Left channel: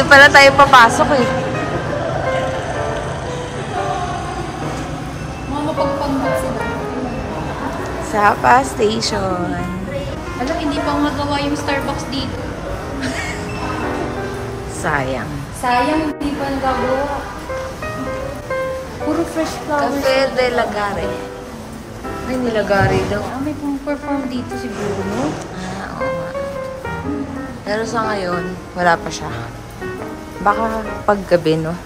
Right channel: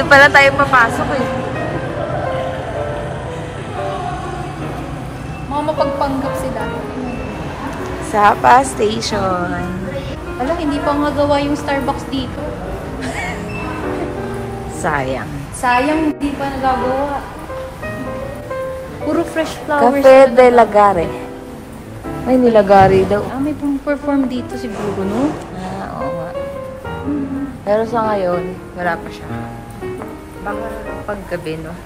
Dito pala tayo papasok eh. Mga mapagpanggap sila. Sapa Station. Alam, hindi pa magawa yung Starbucks dito. Sayang. Sayang, hindi pa nagawa. Puro fresh flowers. Cafe de Lagare. Ay, nilagari daw. May perform dito si Bruno. Ah, oo nga. Pero sa ngayon, wala pa siya. Baka paggabi, no?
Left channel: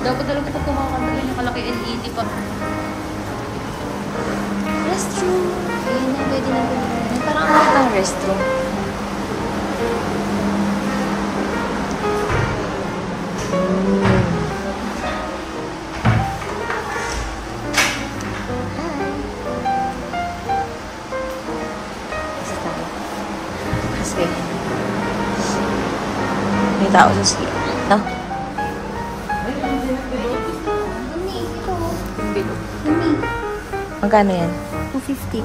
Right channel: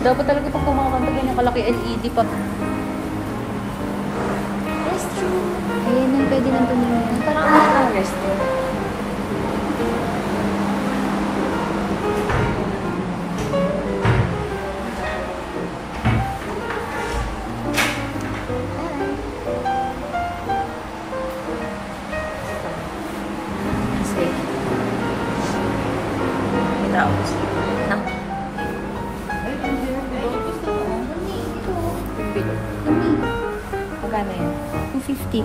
Dapat talaga ito kumakanta yung nakalaki LED pa. Restroom. Ayun yung pwede na ganyan. Parang anak ng restroom. Kasi, yung tao siya. No? Magkano yan? 250.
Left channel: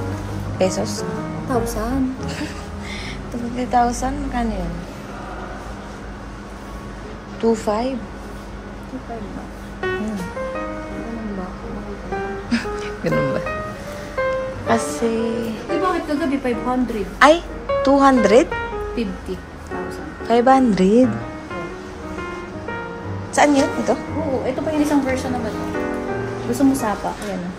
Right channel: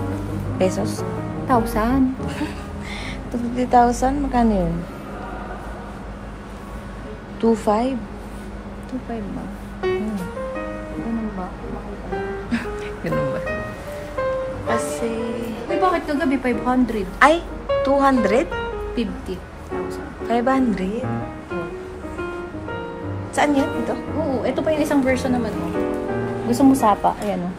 Pesos? 1,000. 250,000? Magkano yun? 2.5? 2,500. Ganun ba? Ganun ba? Kasi... Eh, bakit kagabi 500? Ay! 200? 50,000. 500? Saan yun? Ito? Oo, ito pa yung isang version naman. Gusto mo sapa? Ayan na.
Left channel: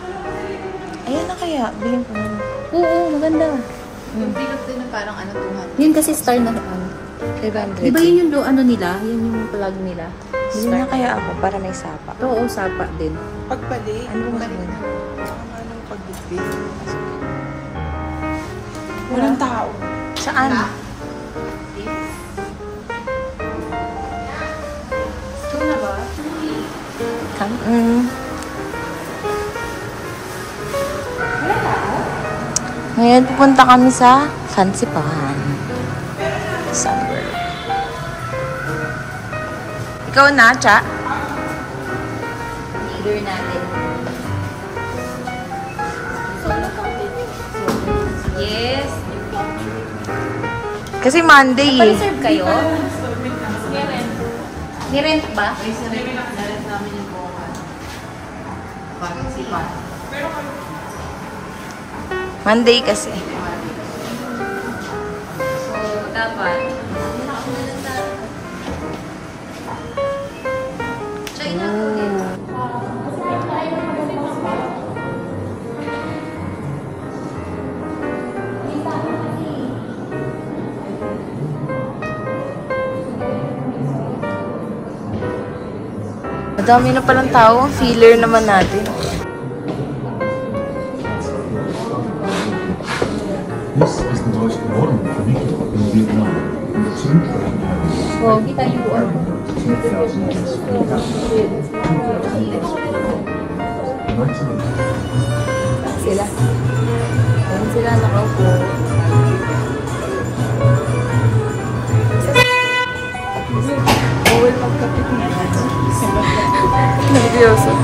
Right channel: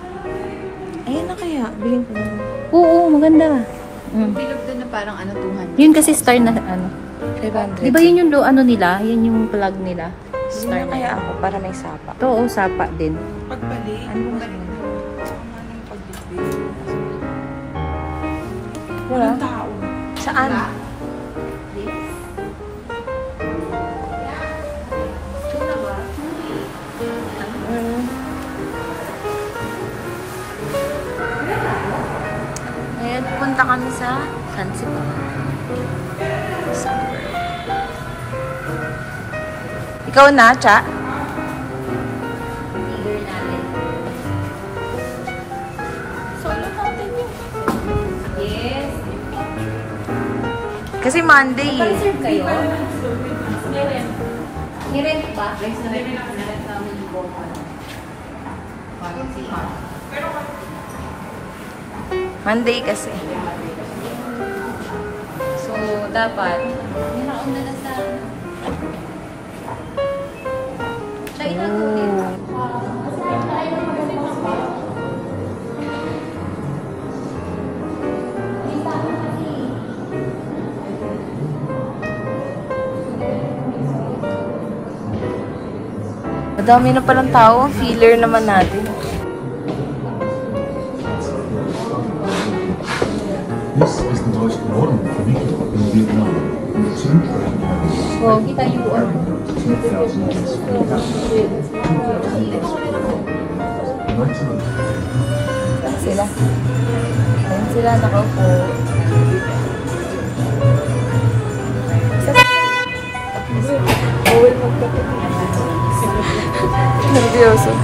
Ayan na kaya. Bilhin ko na. Oo, maganda. Yung pinap din na parang ano, 200. Yun kasi star na ano. 500. Di ba yun yung ano nila? Yun yung plug nila. Bilhin na kaya ako para may sapa. Oo, sapa din. Pagpali. Ano bang gawin? Anong pagbukli? Walang tao. Saan? Ito na ba? Ngayon, pupunta kami sa Fansipahan. Summer. Ikaw na, Cha? Leader natin. Yes. Kasi Monday eh. Serve kayo? Nirent ba? Nirent namin yung bokal. Monday kasi. So, dapat, nilakaw na lang sa... China. Madami na palang tao. Ang filler naman natin. This is the most modern funicular in Vietnam. So, kita yung ano. 2,000 Sila. Ayan sila nakaupo. Bawal magkapit. Nervyoso.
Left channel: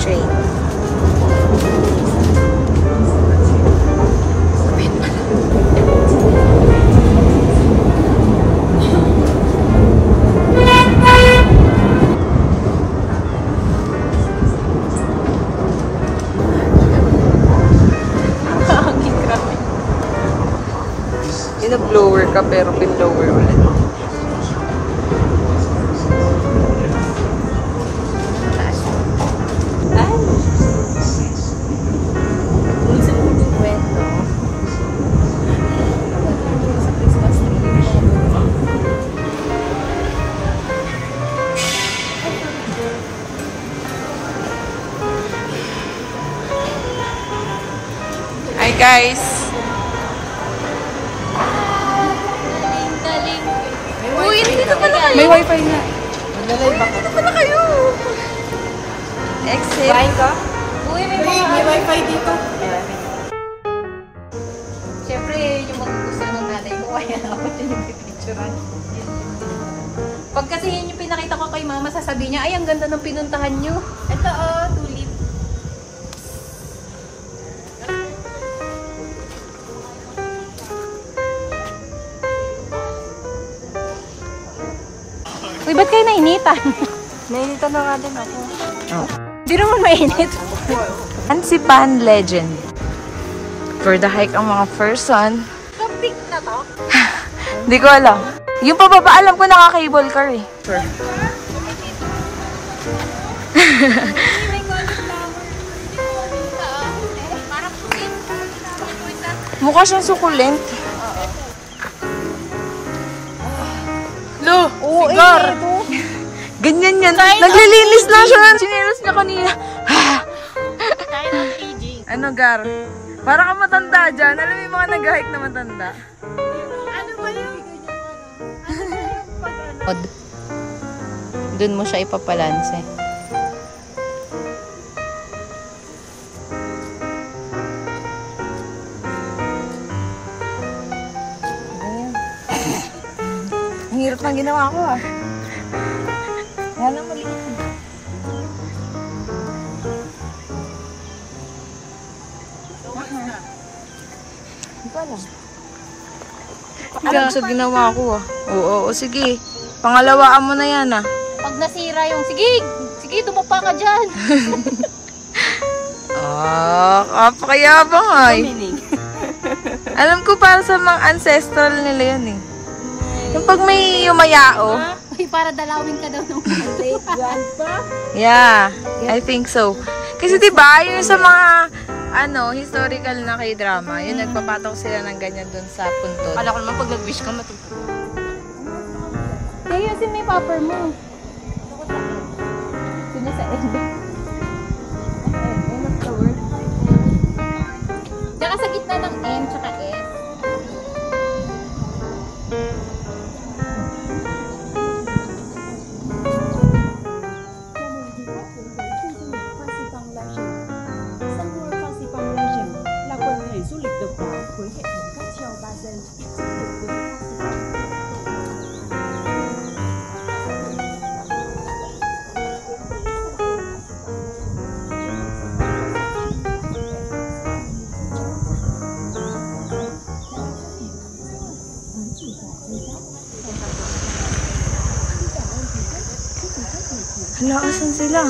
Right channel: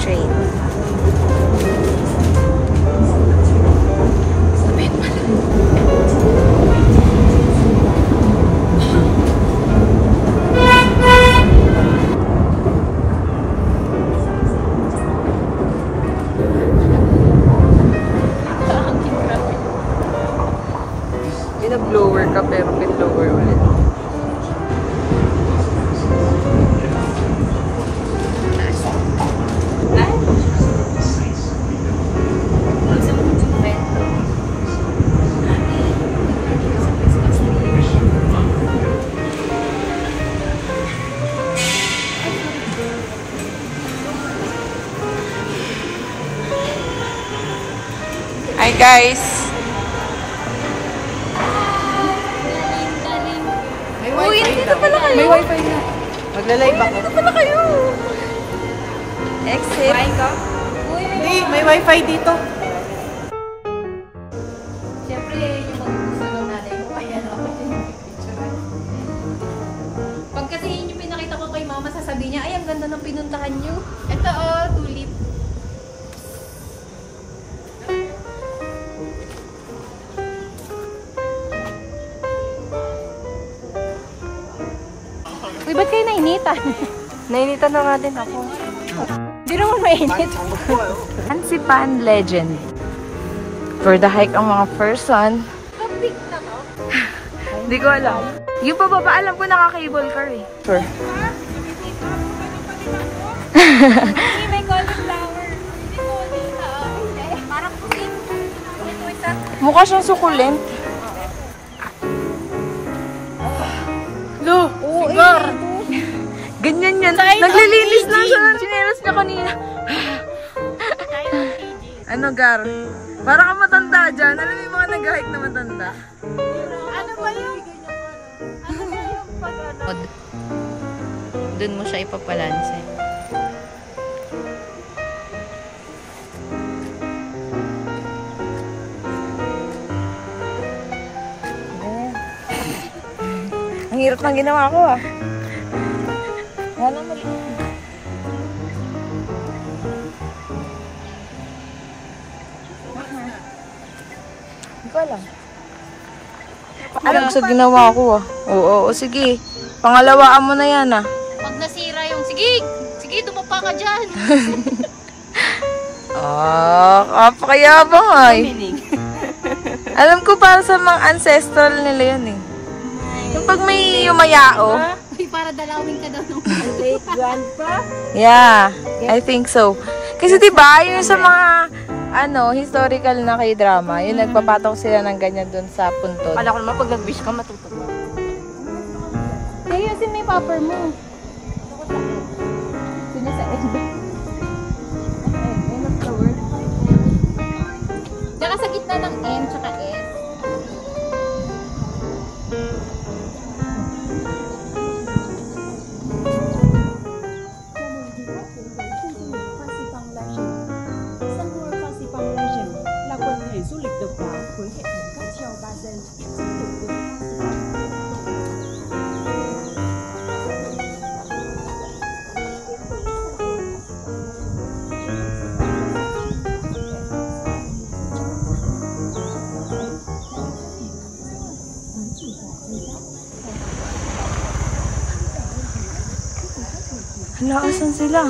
train. Blower ka pero pin-blower ulit. Hi guys! Uy, dito pala kayo. May wifi na. Maglalay ka. Dito pala kayo. Exit. Kain ka? May wifi dito. Siyempre, yung mag-gusto ng nanay ko, kaya dapat yung picture. Pag kasi yan yung pinakita ko kay mama, sasabihin niya, ay, ang ganda ng pinuntahan niyo. Ito tulip. Uy, ba't kayo nainitan? Nainitan na nga din. Di naman mainit. Ansipan Legend. For the hike ang mga person. Camping na to? Hindi ko alam. Yung pababa, alam ko naka-cable car eh. Sure. May cauliflower. Hindi ko hindi. Parang pink. Mukha siyang sukulent. Sigar! Ganyan yan. Naglilinis lang siya ng chinelas niya kanina. Ano, Gar? Para ka matanda dyan. Alam mo yung mga nag-hike na matanda. Ano ba yun? Doon mo siya ipapalanse. Ang hirap ng ginawa ko ah. Wala maliit. Hindi ko alam. Alam sa ginawa ko ah. Oo, sige. Pangalawaan mo na yan ah. Pag nasira yung, sige, dumapa ka dyan. Kapakayabang ay. Alam ko para sa mga ancestral nila yan eh. Yung pag may yumayao. Uy, para dalawin ka daw ng Yeah, I think so. Kasi diba, yung sa mga historical na K-drama, yung nagpapatok sila ng ganyan dun sa puntod. Wala ko naman pag nag-wish ka matutuwa. Kaya kasi may popper mo. Sino sa end? End of the word. Tsaka sa gitna ng N tsaka S. Du lịch độc đáo với hệ thống cáp treo 3 dây giúp được vượt Hala, asan sila?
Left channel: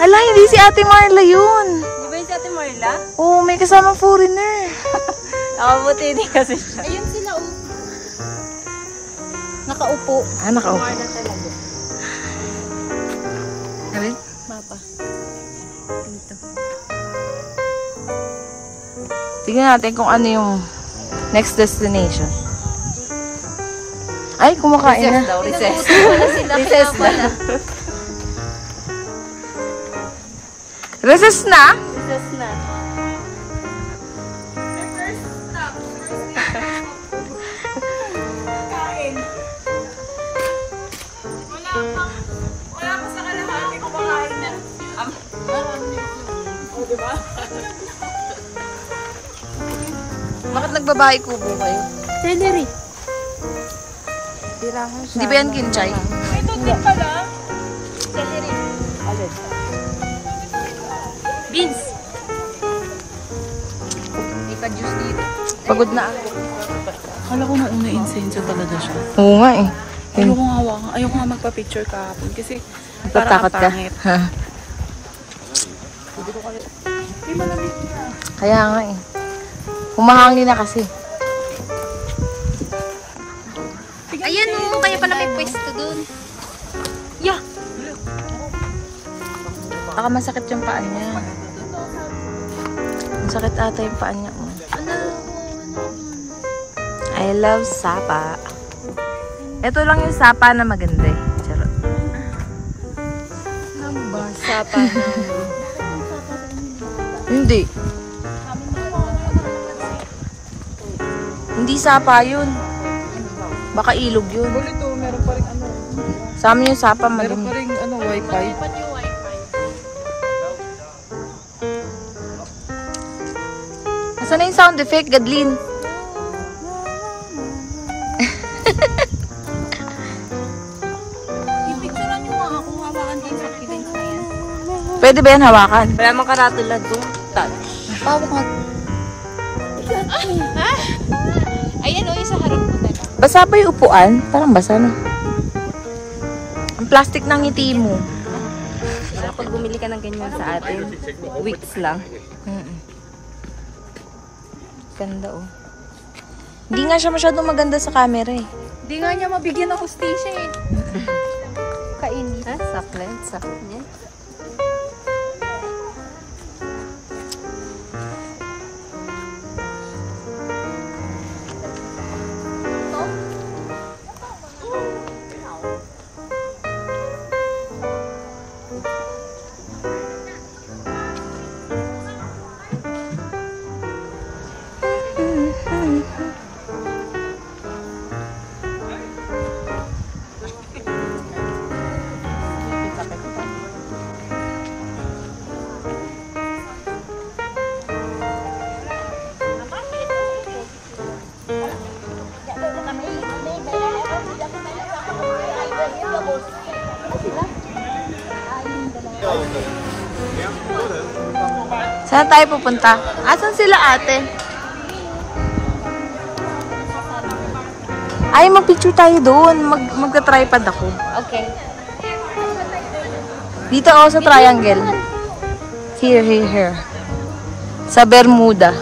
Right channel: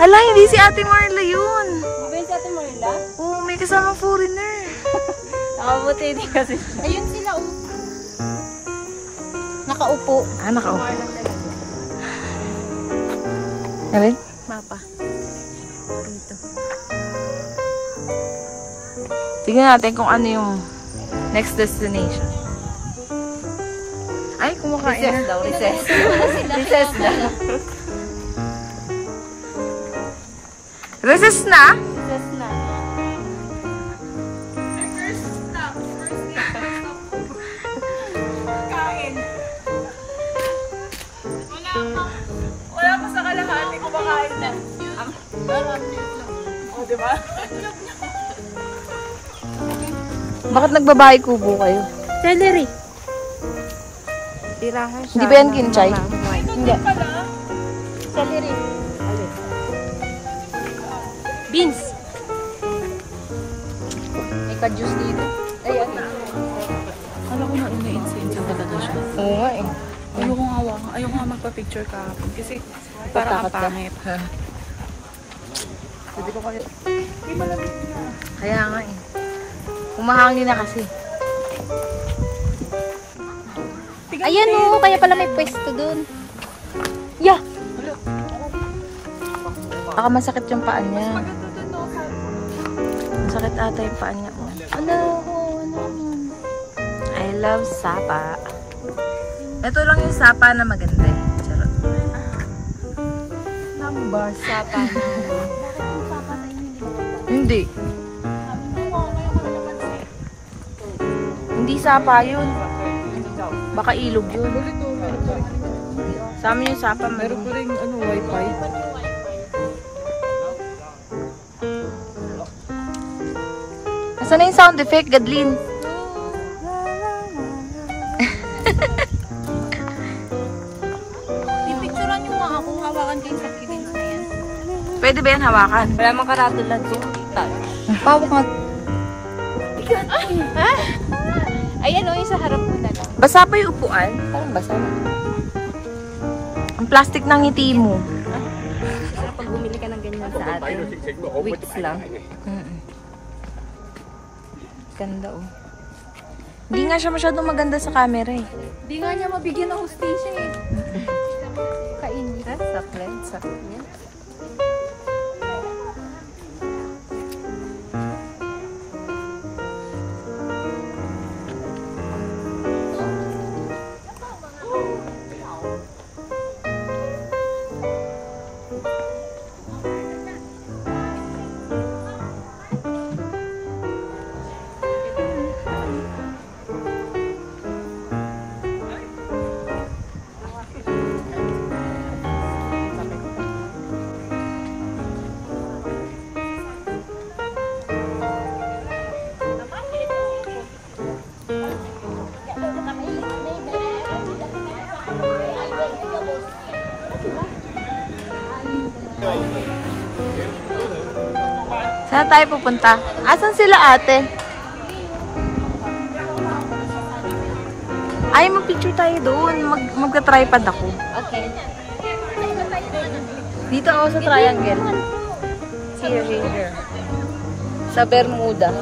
Hala, hindi si Ate Marla yun. Di ba yun si Ate Marla? Oo, may kasamang foreigner. Nakabuti din kasi siya. Ayun sila, nakaupo. Nakaupo. Ano? Mapa. Dito. Tignan natin kung ano yung next destination. Ay, kumakain na. Recess. Recess na. Recess na? Recess na. First stop. Kain. Wala pa sa kalahati, kumakain na. Oh, diba? Bakit nagbabahay kubo kayo? Celery. Hindi ba yan kinchay? Hindi pala. Celery. Beans! Ika-juice dito. Pagod na ako. Akala ko na insenso talaga siya. Oo nga eh. Ayoko nga magpa-picture kahapon kasi Natatakot ka? pangit. Ha? Kaya nga eh. Humahangin na kasi. Ayan o, kaya pala may pwesto dun. Yeah! Baka masakit yung paa niya. Masakit ata yung paa niya. I love sapa. Ito lang yung sapa na maganda eh. Charot. Sapa. Hindi. Hindi sapa yun. Baka ilog yun. Sa amin yung sapa Meron maganda. pa rin wifi. Nasaan na yung sound effect, Gadlin? Pipicturean nyo nga ako. Hawakan kayo sa kibins na yan. Pwede ba yan hawakan? Kaya makaratulad yung touch. Hawak mag... Ayan o, yung sa harap ko. Basa pa yung upuan? Parang basa na. Ang plastic ng ngiti mo. Pag bumili ka ng ganyan sa atin, weeks lang. Ganda oh. Hindi nga siya masyadong maganda sa camera eh. Hindi nga niya mabigyan ng hustisya eh. Kainin. Saklan, saklan. Saan tayo pupunta? Asan sila ate? Ay, mag-picture tayo doon. Magta-tripod ako. Okay. Dito ako sa triangle. Here, here, here. Sa Bermuda.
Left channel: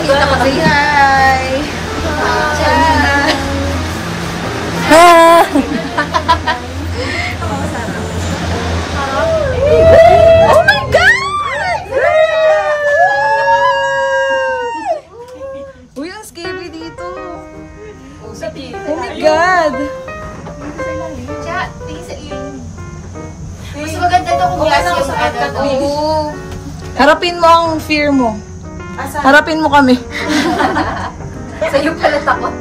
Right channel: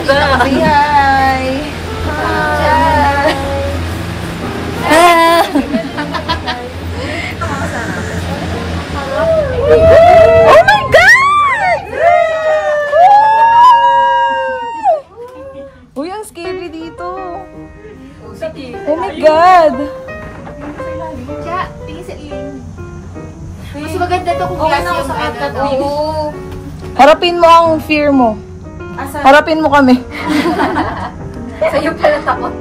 Say hi! Ah! Oh my God! Uy, ang scary dito. Oh my God! Mas maganda to kung glass yung ano. Harapin mo ang fear mo. Harapin mo kami. Sa'yo pala takot.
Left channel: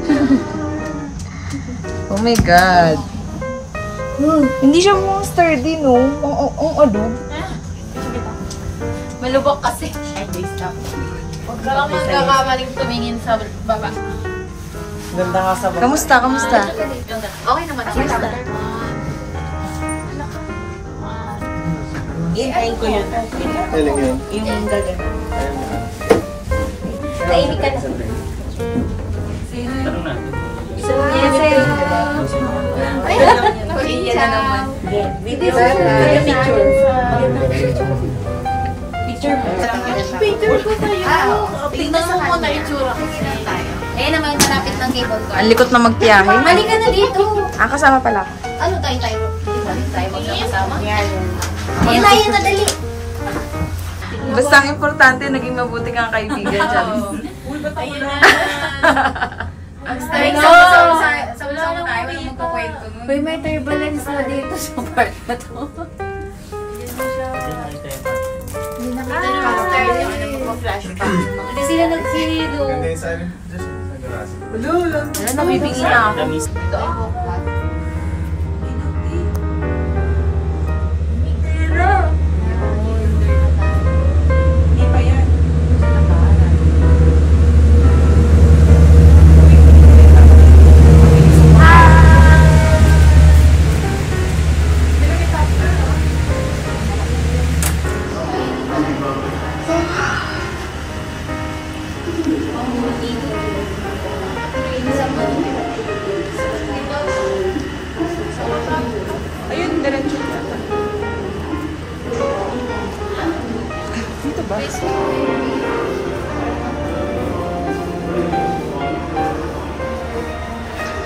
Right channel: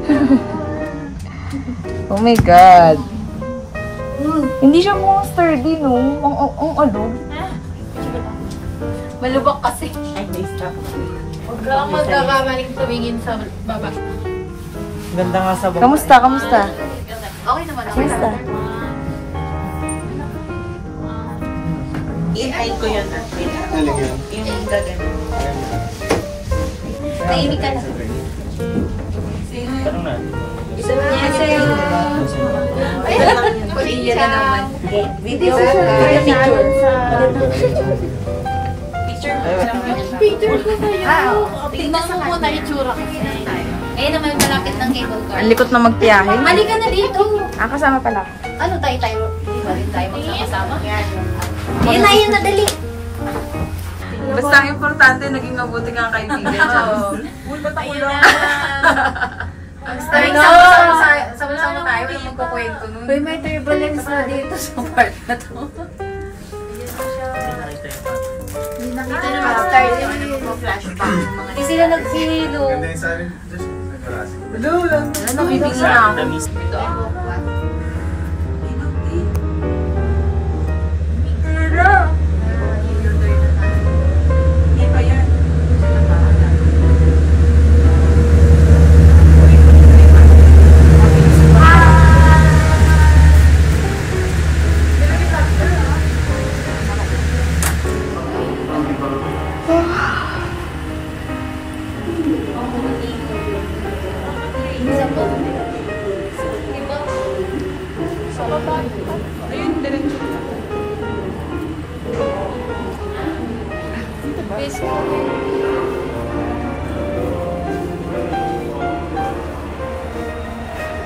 Oh my God. Hindi siya mo sturdy, no? Ang ano? Malubak kasi. Ay, stop. Huwag ka magkakamaling tumingin sa baba. Ganda nga sa baba. Kamusta? Kamusta? Okay naman. Kamusta? Ilan yun? Nainig ka na. Video picture ko sa'yo. Tingnan mo muna itsura ko. Eh naman malapit ng cable car. Ang likot na magtiyahe. Mali ka na dito. Kasama pala ako. Ano tayo? Di ba din tayo magsama? Yan na, dali. Basta ang importante, naging mabuti kang kaibigan. Ayun na. Sama-sama tayo. Walang magkukwento nun. Uy, may turbulence na dito sa part na to. Hindi nakita na mag-start yung ano magpa-flashback. Hindi sila nagsilo. Wala, nabibigin na ako.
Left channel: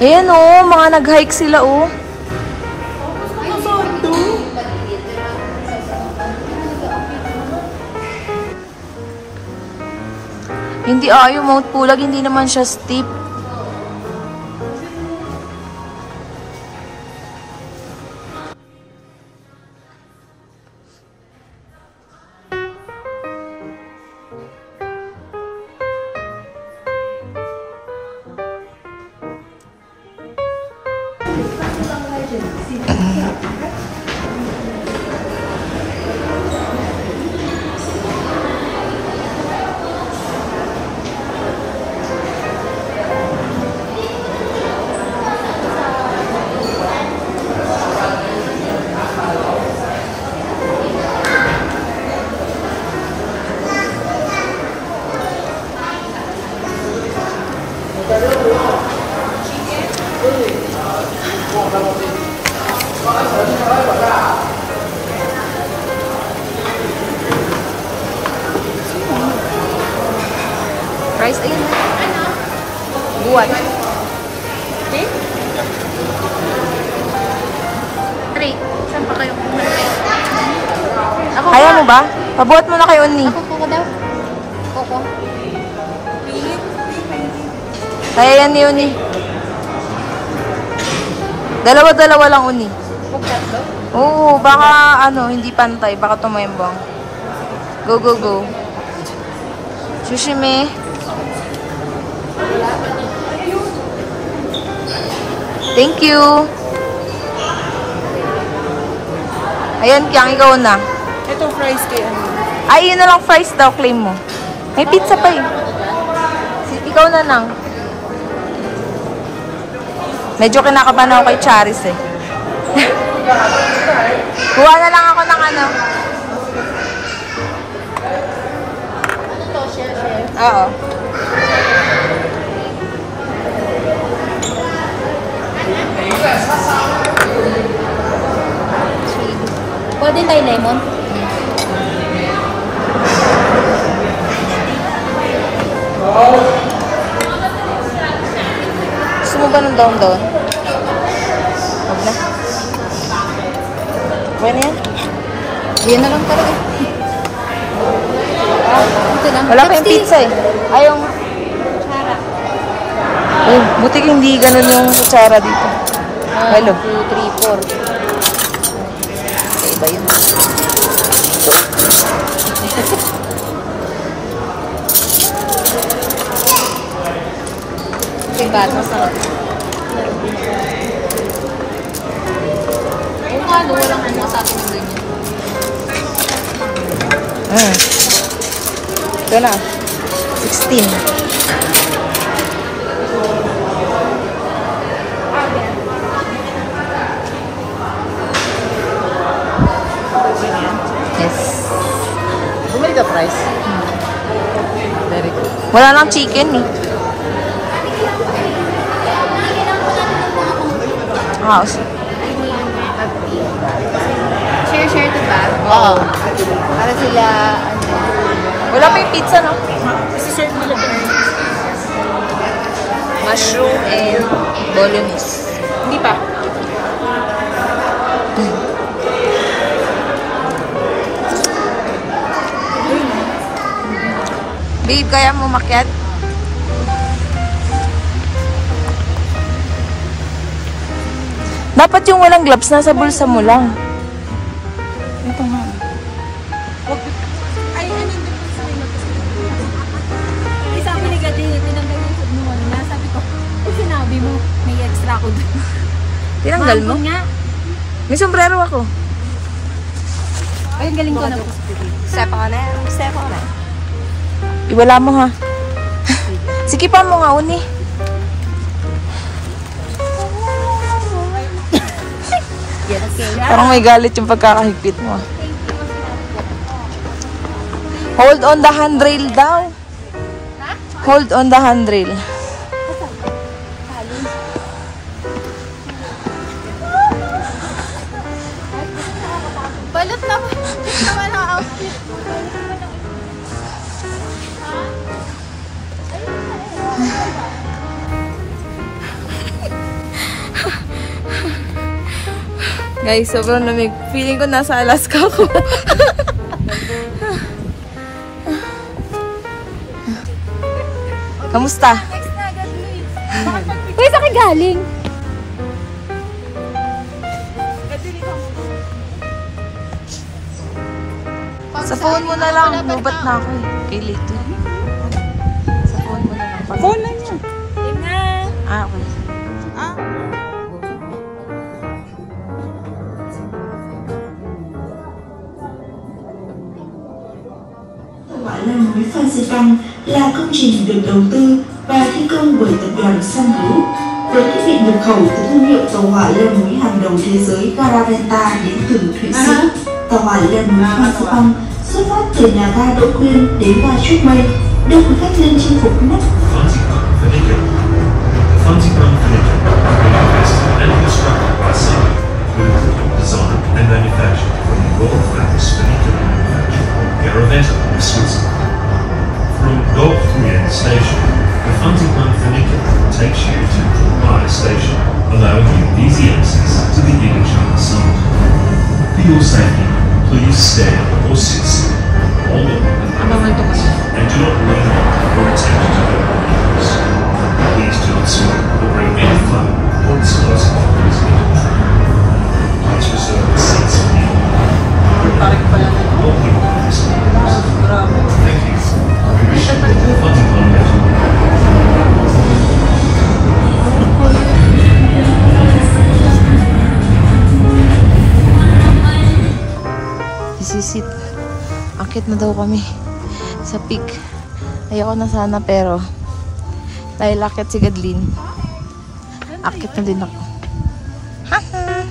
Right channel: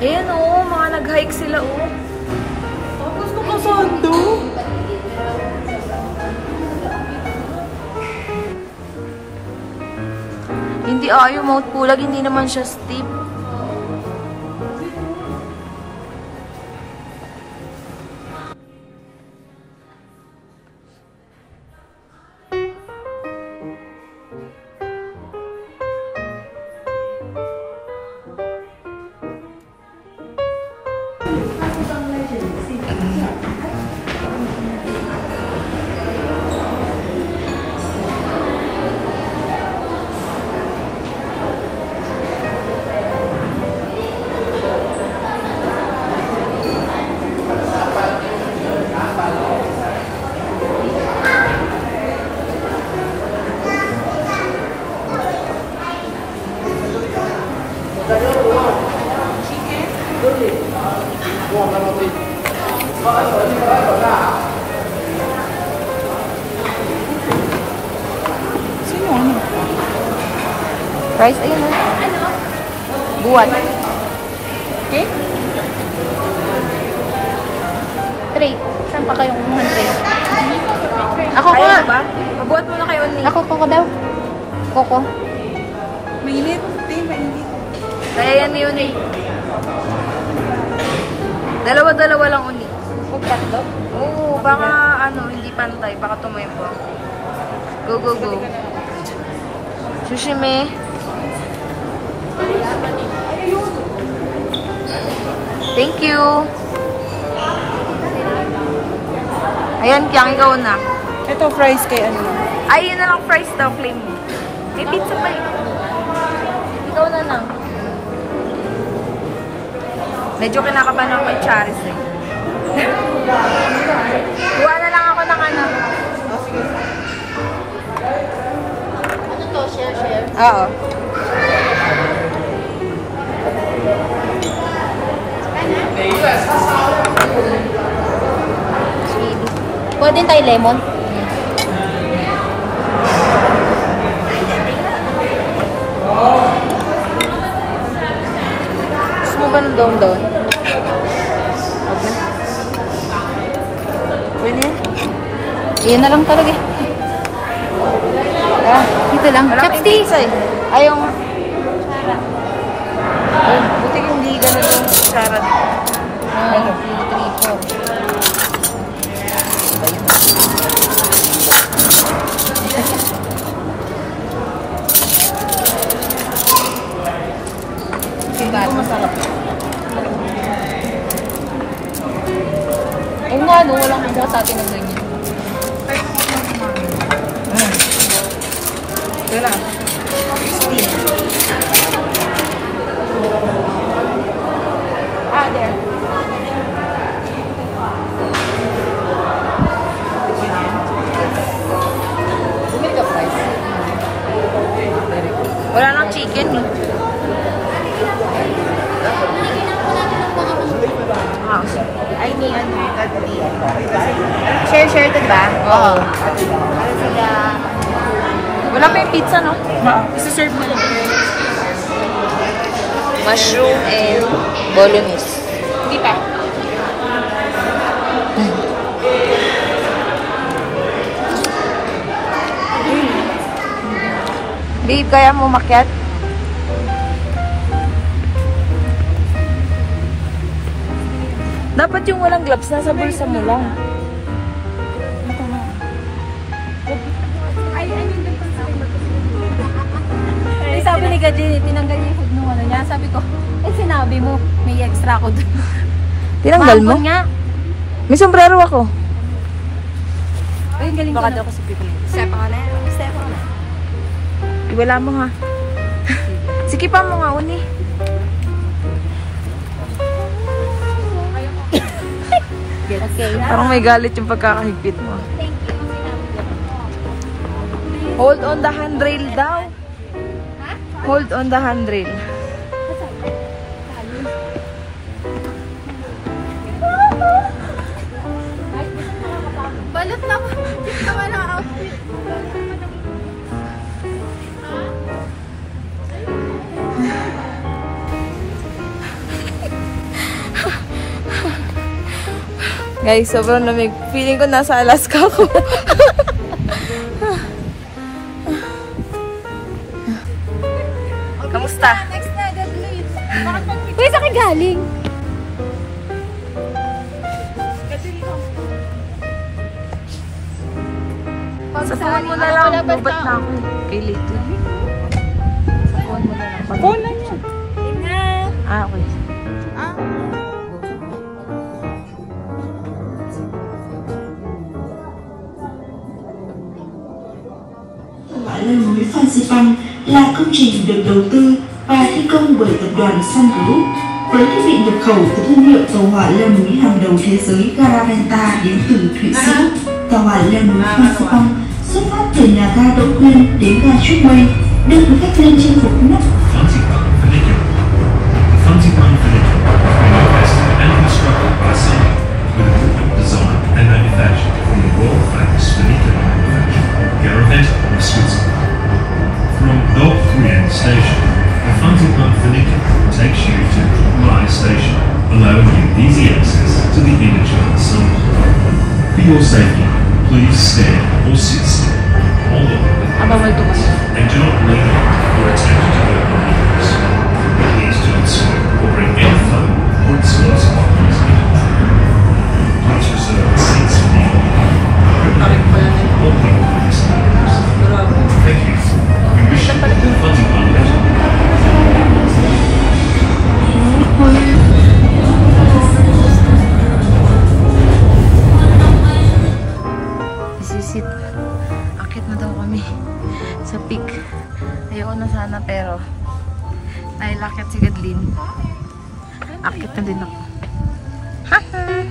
Ayan o, mga nag-hike sila o. Hindi yung Mount Pulag, hindi naman siya steep. Rice, ayun o. Buwat. Tray. Saan pa kayong tray? Ayaw mo ba? Pabuhat mo na kayo ni. Ako daw. Koko. Kaya yan ni Uni. Dalawa-dalawa lang Uni. Tatlo? Oo, baka hindi pantay. Baka tumayambang. Go, go, go. Sushime. Thank you. Ayan, Kyang, ikaw na. Ito fries kay ano. Ay, yun na lang fries daw, claim mo. May pizza pa eh. Ikaw na lang. Medyo kinakabahan ako kay Charis eh. Kuha na lang ako ng ano. Oo. Pwede tayo lemon? Gusto mo ba ng down-down? Huwag na. Okay na yan? Yan na lang talaga. Ito lang. Wala kang pizza eh. Ayaw nga. Ay, buti hindi ganun yung kutsara dito. Hello. 2, 3, 4. Diba yun? Ito masarap. Oo nga, no, walang kumuha sa atin ng ganyan. Ito na. 16. Bumili ka price? Wala lang chicken eh. House. Ay, ni ano, share to ba? Oo. Para sila... Wala pa yung pizza, no? Isi-serve nila ba? Mushroom and bolognese. Hindi pa. Babe, kaya mo makyat? Dapat yung walang gloves, nasa bulsa mo lang. Ay, sabi ni Gadi, tinanggal yung food mo. Ano niya? Sabi ko, sinabi mo, may extra ko doon. Tinanggal mo? Nga. May sombrero ako. Ayun, galing ko na. Baka sa people. Step ako na. Step ako na. Iwala mo ha. Sige pa mo nga, uni. Okay, nga. Parang may galit yung pagkakahigpit mo. Hold on the handrail daw. Hold on the handrail. Balot na. Tama na outfit. Guys, sobrang lamig. Feeling ko nasa Alaska ako. Kamusta? Uy, saan ka galing? Sa phone mo na lang. Lubat na ako eh. Kay Lito. Sa phone mo na lang. Pag-picture. Ah, okay. Leo núi Phan Xipang là công trình được đầu tư và thi công bởi tập đoàn Sun Group với thiết bị nhập khẩu từ thương hiệu tàu hỏa leo núi hàng đầu thế giới Garaventa đến từ Thụy Sĩ. Tàu hỏa leo núi Phan Xipang xuất phát từ nhà ga Đỗ Quyên đến ga Trúc Mây, đưa du khách lên chinh phục nắp. The Phan Xipang Funicular was invested and constructed by Sun, who designed and manufactured from the Royal Atlas Funicular Garaventa of Switzerland. From Dog Nguyen Station, the Phan Xipang Funicular takes you to Mai Station, allowing you easy access to the inner China Sea. For your safety, please stand or sit still, hold on and do not lean or attempt to open windows. Please do not smoke or bring any phone or explosive items in the train. Please reserve the seats for the all people in this service. Thank you. We wish you all the Phan Xipang leisure. Isisit. Akit na daw kami sa peak. Ayoko na sana pero dahil akit si Gadlin, akit na din ako. Haha!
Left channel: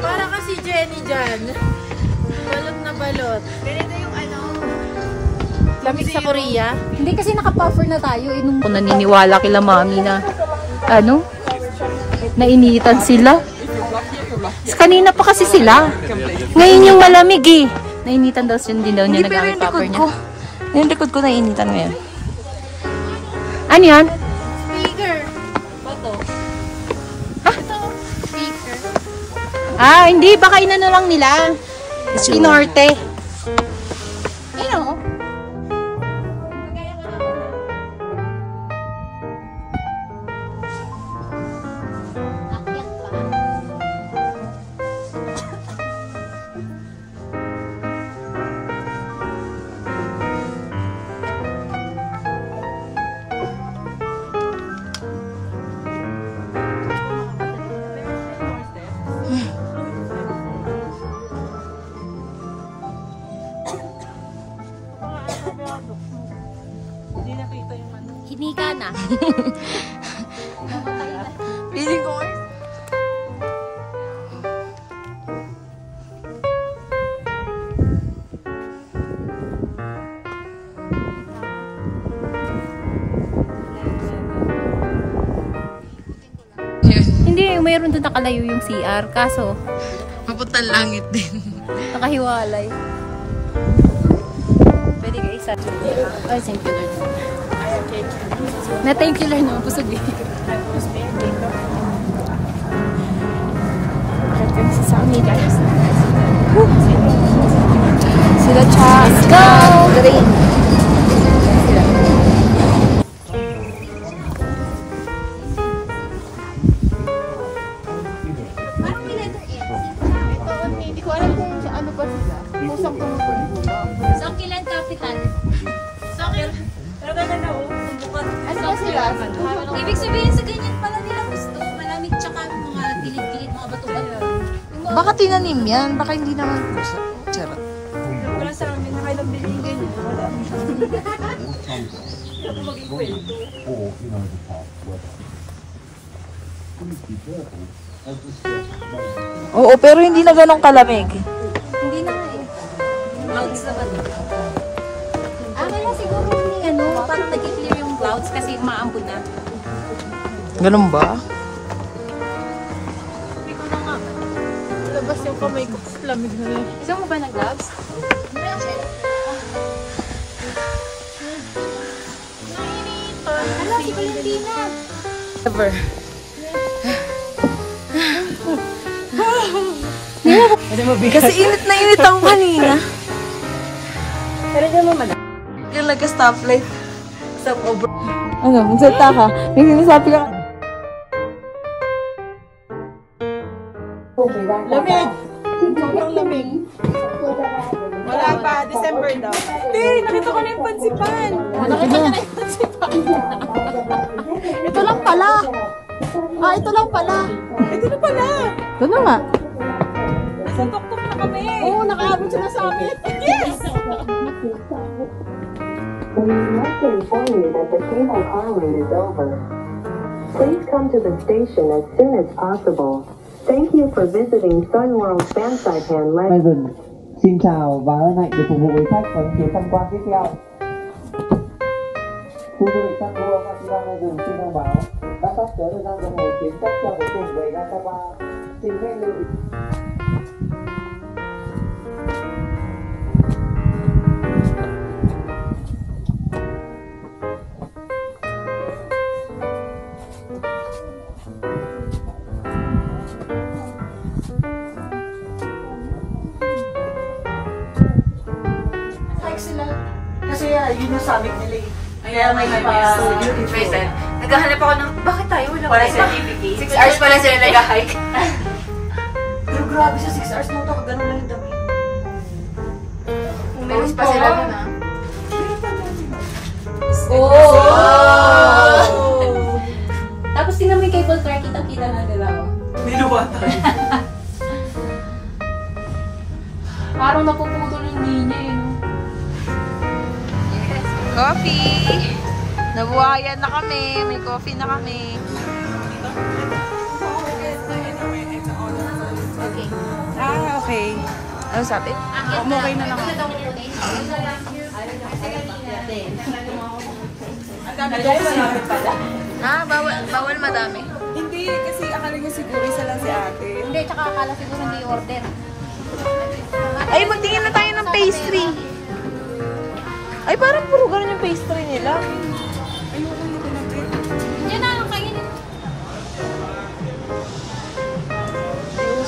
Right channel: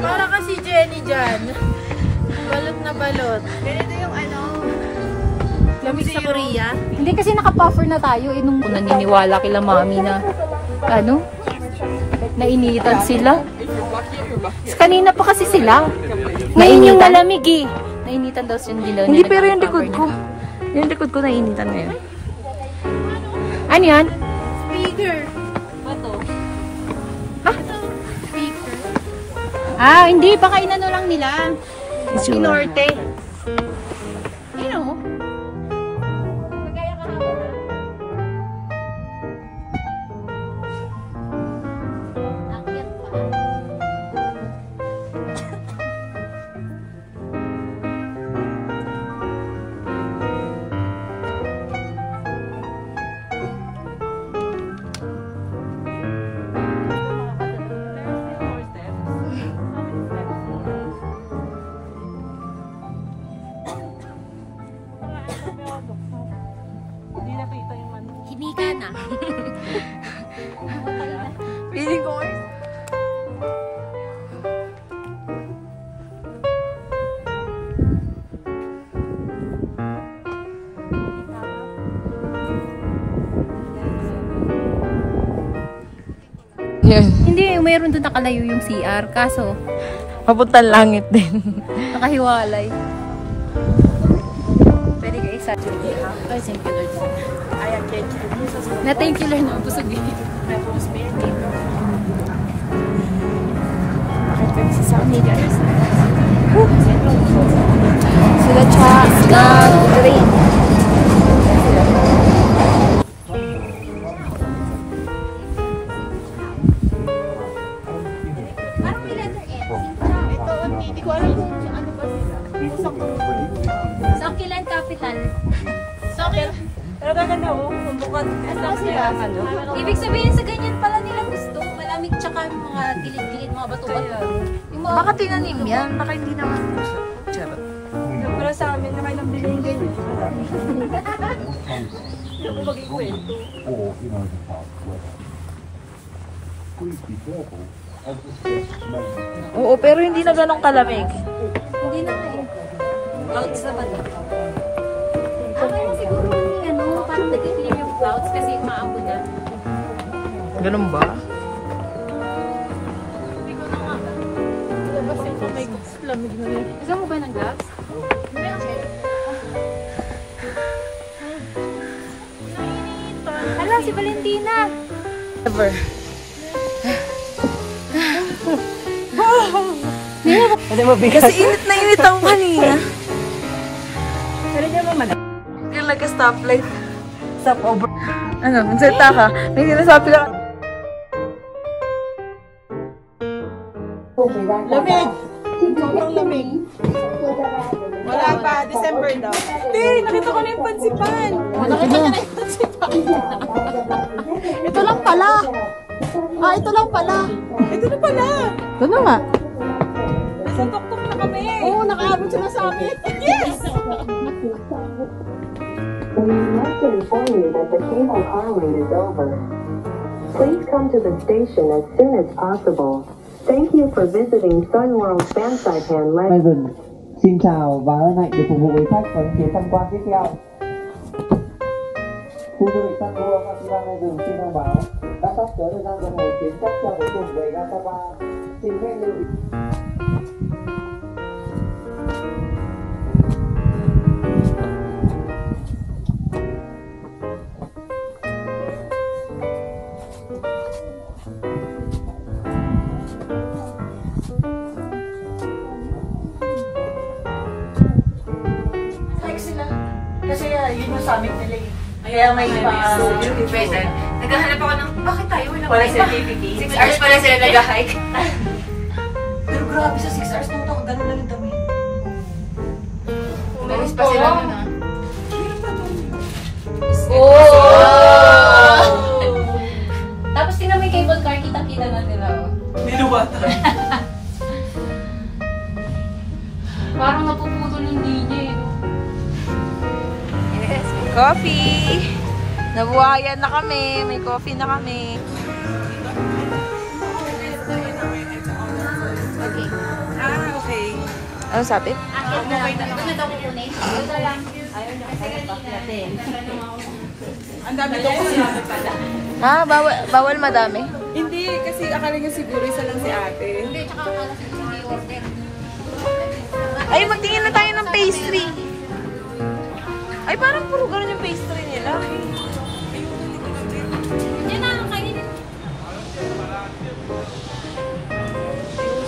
Para kasi Jenny dyan. Balot na balot. Lamig sa Korea. Hindi kasi naka-puffer na tayo. Nung Kung naniniwala kila mami na ano? Nainitan sila. Kanina pa kasi sila. Ngayon yung malamig eh. Nainitan daw siya, hindi daw niya. Hindi, pero yung likod ko. Yung likod ko nainitan ngayon. Ano yan? Hindi. Baka inano lang nila. Pinorte. Ayun o. Kinika na. Feeling ko ngayon. Hindi, mayroon doon nakalayo yung CR. Kaso, Papuntang langit din. nakahiwalay. Pwede ka isa. Ay, simple Lord. Na-thank you lang no. Pusog din. Bakit kami sa Samid? Sila Cha, nag-train. Yan sila. Hindi ko alam kung ano pa sila. Sokilan Capital. Sokilan. Pero ganyan na ako. Ano pa sila? Ibig sabihin sa ganyan pala nila gusto. Malamig tsaka mga gilid-gilid, mga bato-bato. Baka tinanim yan. Baka hindi naman puso. Charot. Pero sa amin, may nabiling ganyan. Oo, pero hindi na ganun kalamig. Hindi na nga eh. Clouds na ba ito? Kaya siguro may ano, parang nag-clear yung clouds kasi maambon na. Ganun ba? Labas yung kamay ko. Lamig na rin. Gusto mo ba ng gloves? Ano, si Valentina? Ever. Kasi init na init ako kanina. Yung nag-stoplight. Stop over. Ano, magsalita ka. May sinasabi ka. Lamig! Sobrang lamig. Wala pa, December daw. Hindi, nakita ko na yung pansipan. Nakita niya na yung pansipan. Ito lang pala. Ito lang pala. Ito na pala. Ito na nga. Nasa tok-tok na kami. Oo, nakaabot siya na sa amin. Yes! We would like to inform you that the cable car wait is over. Please come to the station as soon as possible. Thank you for visiting Sun World Fan Saipan Legend. Xin chào và hân hạnh được phục vụ quý khách ở chuyến tham quan tiếp theo. Khu du lịch Sun World Festival Legend xin thông báo đã sắp tới thời gian đồng hồ chuyến khách theo cuối cùng về ga Sapa. Xin phép lưu ý. Kasi yun yung sabi nila. Kaya may pa... Naghahanap ako ng, bakit tayo? Wala Para certificate. 6 hours pala sila nag-hike. Pero grabe sa 6 hours nung to, gano'n na rin daw eh. Meron pa sila na. Tapos tingnan mo yung cable car, kita-kita lang nila. Niluwatan. Parang napuputol yung linya eh. Coffee! Nabuhayan na kami. May coffee na kami. Okay. Okay. Ano sabi? Ha? Bawal madami? Hindi, kasi akala niya siguro isa lang si ate. Hindi, tsaka akala siguro hindi order. Ay, magtingin na tayo ng pastry. Ay, parang puro ganun yung pastry nila. Yan na, kainin.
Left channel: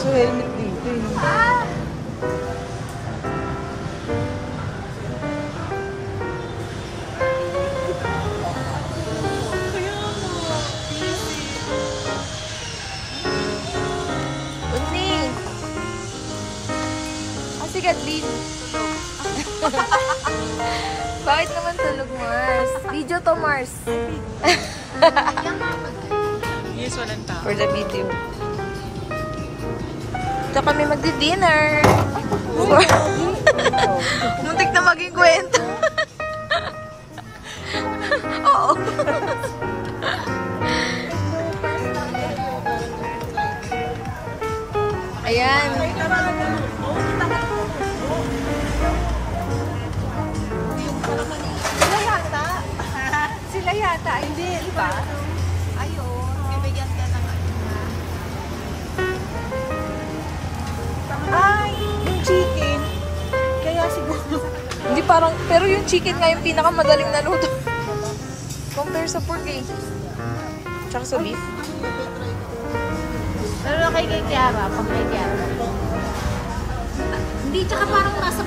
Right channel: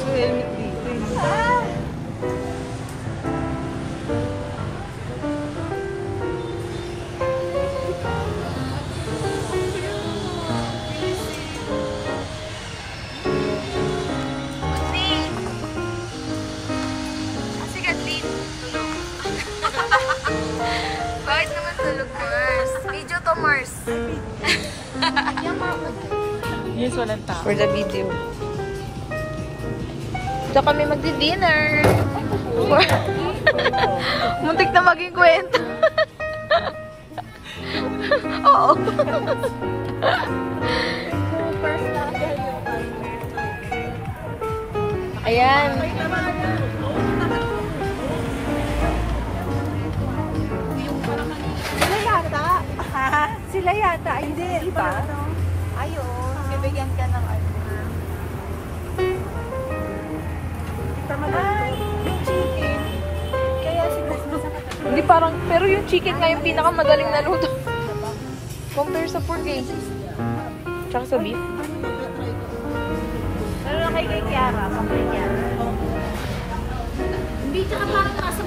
So, helmet dito eh. Bakit naman tulog, Mars? Video to, Mars. Yes, walang tao. For the video. Ito kami magdi-dinner. Muntik na maging kwento. Oo. Ayan. Sila yata, hindi, iba? Ayun, bibigyan ka ng ano. Ay, yung chicken. Kaya siguro. Hindi parang, pero yung chicken nga yung pinakamadaling naluto. Compare sa pork eh. Tsaka sa beef. Ano kay Kiara? Hindi, tsaka parang mas